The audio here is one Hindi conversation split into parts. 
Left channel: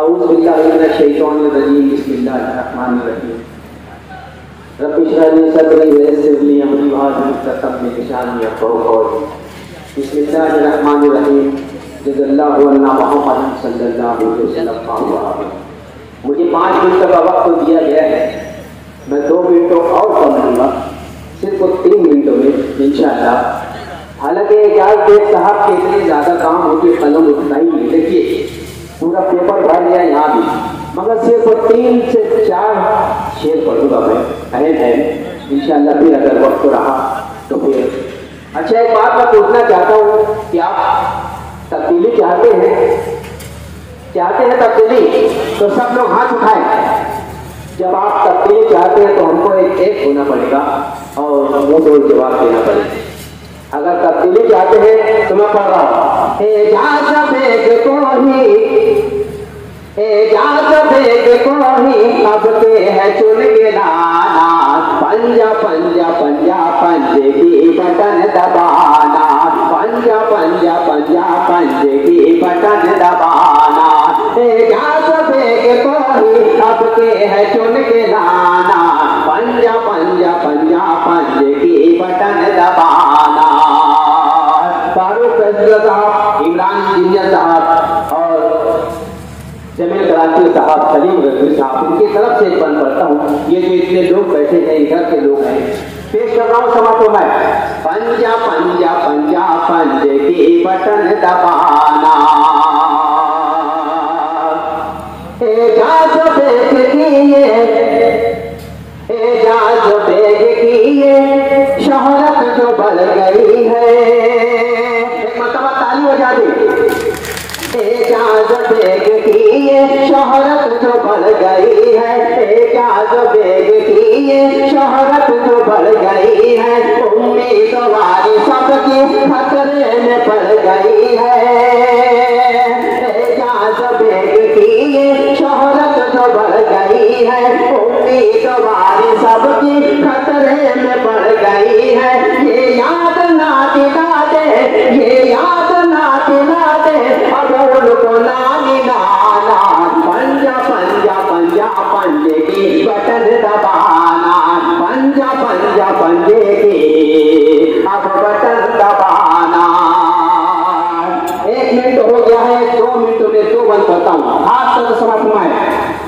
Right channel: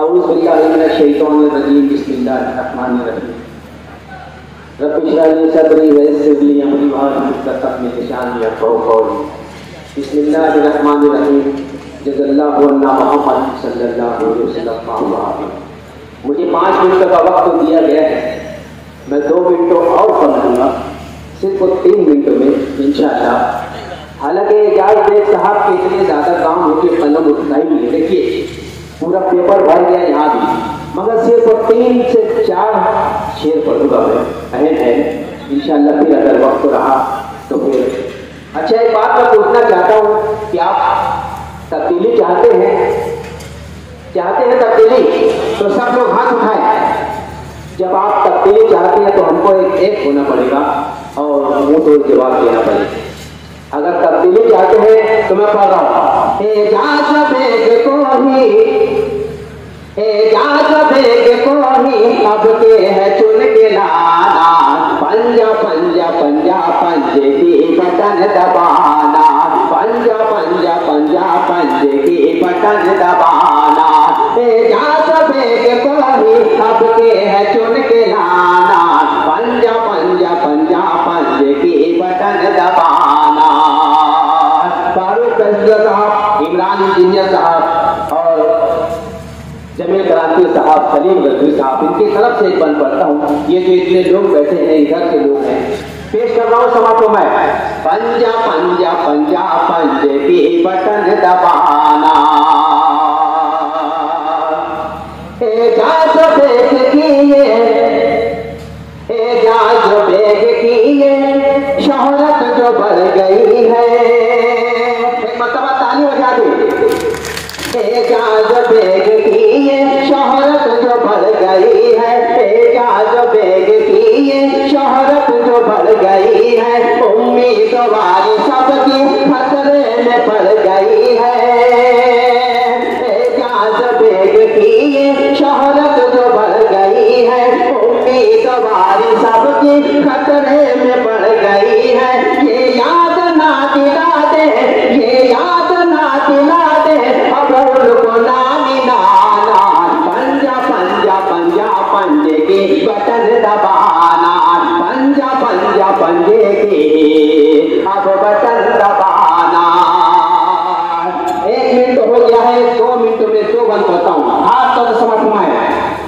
औज़ु बिल्लाहि मिनश शैतानिर रजीम, बिस्मिल्लाहिर रहमानिर रहीम। रब्बि इश्रह ली सदरी व यस्सिर ली अमरी वाहलुल उक़दतम मिन लिसानी यफ़क़हू क़ौली। बिस्मिल्लाहिर रहमानिर रहीम। जज़ल्लाहु अन्ना मुहम्मद सल्लल्लाहु अलैहि वसल्लम। मुझे 5 मिनट का वक्त दिया गया है, मैं 2 मिनट और कम दूंगा, सिर्फ 3 मिनटों में इंशाअल्लाह। हालांकि एजाज बेग साहब के इतने ज़्यादा काम होगी, कलम उतना ही नहीं, देखिए पूरा पेपर भर गया यहाँ भी, मगर सिर्फ 3 से 4 शेर पढ़ूंगा मैं, अहम है इंशाअल्लाह। फिर अगर वक्त रहा तो फिर अच्छा, एक बात मैं पूछना चाहता हूँ कि आप तब्दीली चाहते हैं तब्दीली? तो सब लोग हाथ उठाएं। जब आप तब्दीली चाहते हैं तो हमको एक होना पड़ेगा और मुंह तोड़ जवाब देना पड़ेगा। अगर तब्दीली चाहते हैं तो मैं पढ़ रहा हूँ। एजाज बेग को ही अब के है चुन के लाना, पंजा पंजा पंजा पंजे की बटन दबाना, पंजा पंजा पंजा पंजे की बटन दबाना। एजाज बेग को ही अब के है चुन के लाना, पंजा पंजा पंजा पंजे की बटन दबाना। फारूक साहब, इमरान इंजीनियर साहब और जमील क्रांति साहब, सलीम रजवी साहब, इनकी तरफ से एक बंद पढ़ता हूँ। ये जो इतने लोग बैठे हैं इधर के लोग हैं, पेश कर रहा हूँ सभा को मैं। पंजा पंजा पंजा पंजे की बटन दबाना, एजाज बेग की ये शोहरत जो बढ़ गई है, एक मरतबा ताली बजा दे। एजाज बेग की ये शोहरत जो बढ़ गई है, एजाज बेग की ये शोहरत जो बढ़ गई है, उम्मीदवार सबकी खतरे में पड़ गई है। एजाज बेग की ये शोहरत जो बढ़ गई है, उम्मीदवार सबकी खतरे में पड़ गई है। ये याद ना दिला दे, ये याद ना दिला दे अबुल को नानी नाना, पंजा पंजा पंजा पंजे की बटन दबाना, पंजा पंजा पंजे की अब बटन दबाना। 1 मिनट हो गया है, 2 मिनट में 2 बंद करता हूँ। हाथ तक समझ में आए।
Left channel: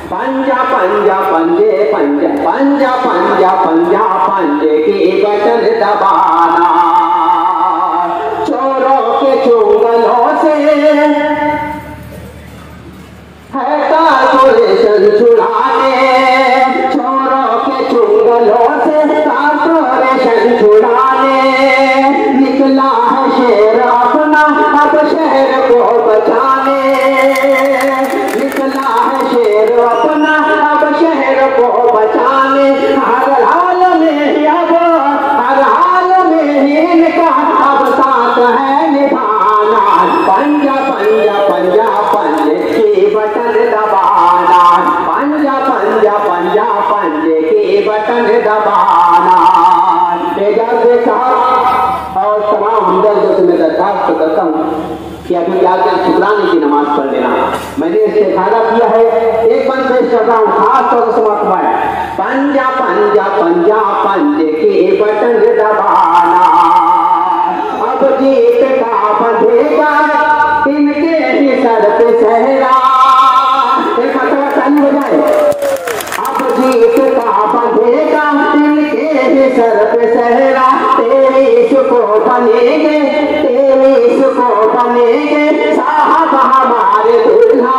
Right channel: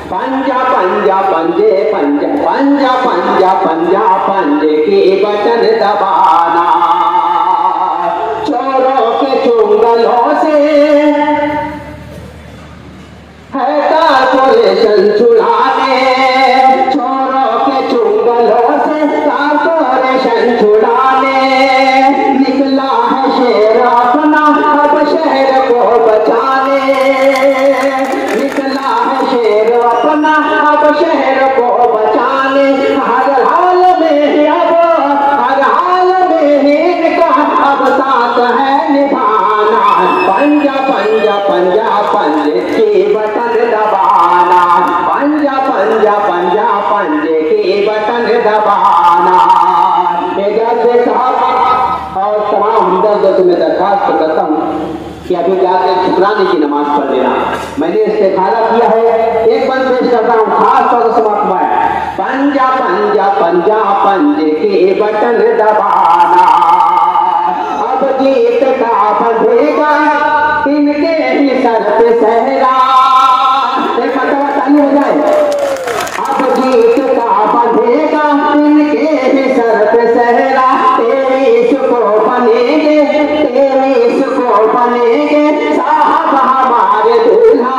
पंजा पंजा पंजे पंजा पंजा पंजा पंजा पंजे की बटन दबाना, चोरों के चुंगलों से है कारपोरेशन छुड़ाने, चोरों के चुंगलों से कारपोरेशन छुड़ाने, निकला है शेर अपना अब शहर को बचाने, निकला है शेर अपना अब शहर को बचाने। हर हाल में इनका अब साथ है निभाना, पंजा पंजा पंजा पंजे की बटन दबाना, पंजा पंजा पंजा पंजे की बटन दबाना। एजाज साहब और तमाम हमदर्द से मैं दरखास्त करता हूँ कि अभी जाके शुक्राने की नमाज पढ़ लेना। मैंने इस्तेखारा किया है, एक बंद पेश करता हूँ खास तौर से समाप्त हुआ है। पंजा पंजा पंजा पंजे की बटन दबाना, अब जीत का बंधेगा इनके ही सर पे सहरा, एक मरतबा ताली हो जाए। अब जीत का बंधेगा इनके ही सर पे सहरा, तेरी सुको बनेंगे तेरी सुको बनेंगे साहब हमारे दूल्हा।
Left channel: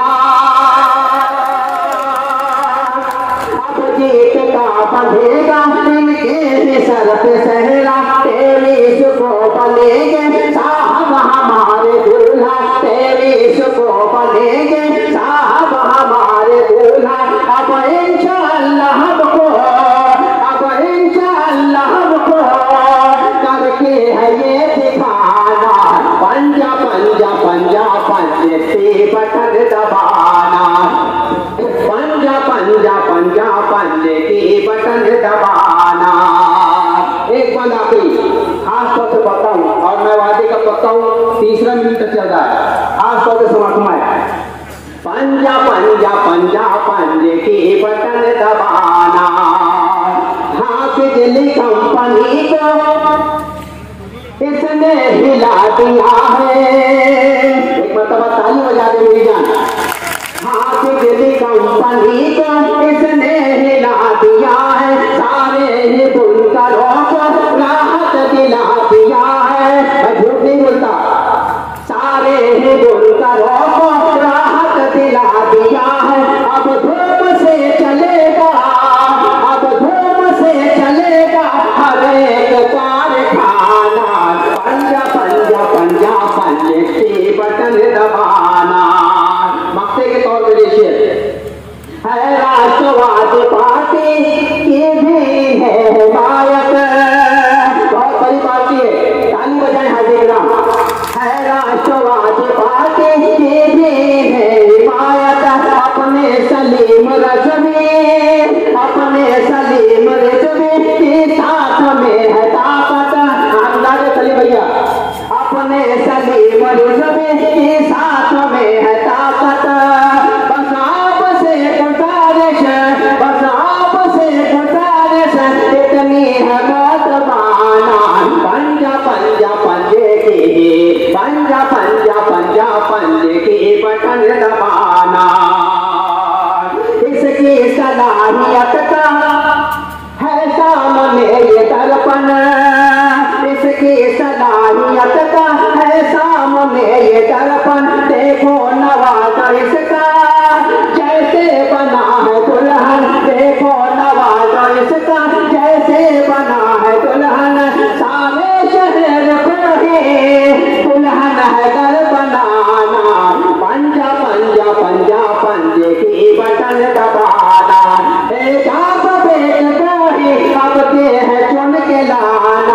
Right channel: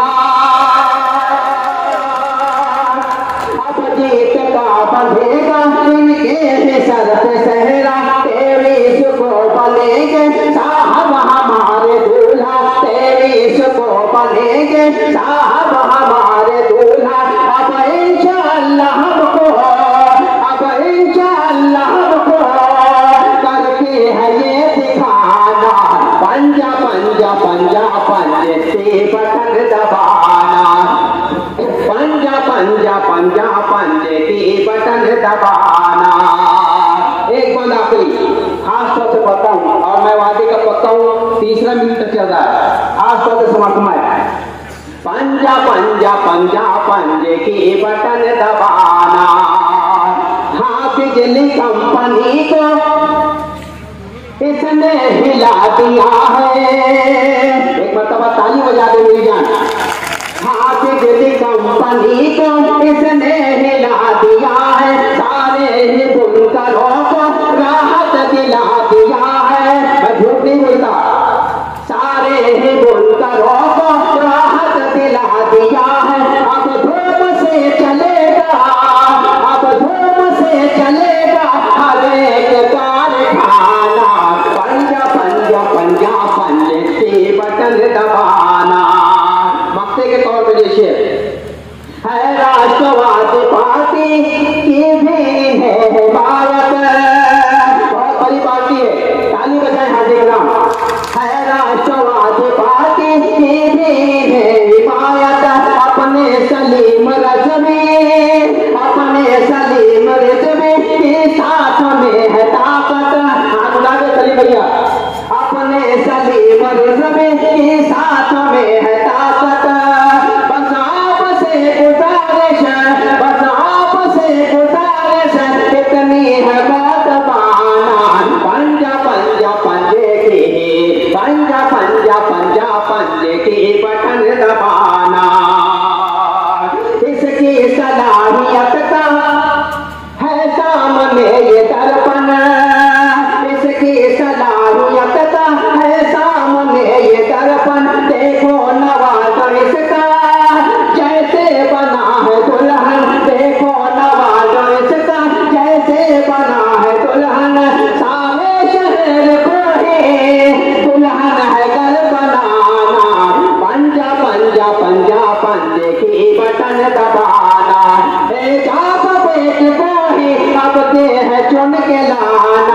अब जीत का बंधेगा इनके ही सर पे सहरा, तेरी सुको बनेंगे साहब हमारे दूल्हा। आज तो के समाप्त है। पंजा पंजा पंजा पंजे की बटन दबाना, हाँ बिजली कंपनी को इसने हिला दिया है। एक मरतबा ताली बजा दे मेरी जान। हाँ बिजली कंपनी को इसने हिला दिया है, सारे ही बुनकरों को राहत दिला दिया है। मैं झूठ नहीं बोलता, सारे ही बुनकरों को राहत दिला दिया है। अब धूम से चलेगा, अब धूम से चलेगा हर एक कारखाना। पंजा पंजा पंजा पंजे की बटन दबाना। मक्ते के तौर पे देखिए, है राष्ट्रवादी पार्टी की भी है हिमायत, बहुत बड़ी पार्टी है, ताली बजाए हाजिर राम। है राष्ट्रवादी पार्टी की भी है हिमायत, अपने सलीम रजवी, अपने सलीम रजवी के साथ में है ताकत। सलीम भैया, अपने सलीम रजवी के साथ में है ताकत। बस आपसे गुजारिश, बस आपसे गुजारिश इतनी है बात माना। पंजा पंजा पंजे की, पंजा पंजा पंजा पंजे की बटन दबाना। इसकी सलाहियत का है सामने ये दर्पण, इसकी सलाहियत का है सामने ये दर्पण। देखो नवाज इसका जैसे बना है दुल्हन, देखो नवाज इसका जैसे बना है दुल्हन। सारे शहर को ही दुल्हन है घर बनाना। पंजा पंजा पंजा पंजे की बटन दबाना। जाप बेट को ही अब दे है चुन के लाना।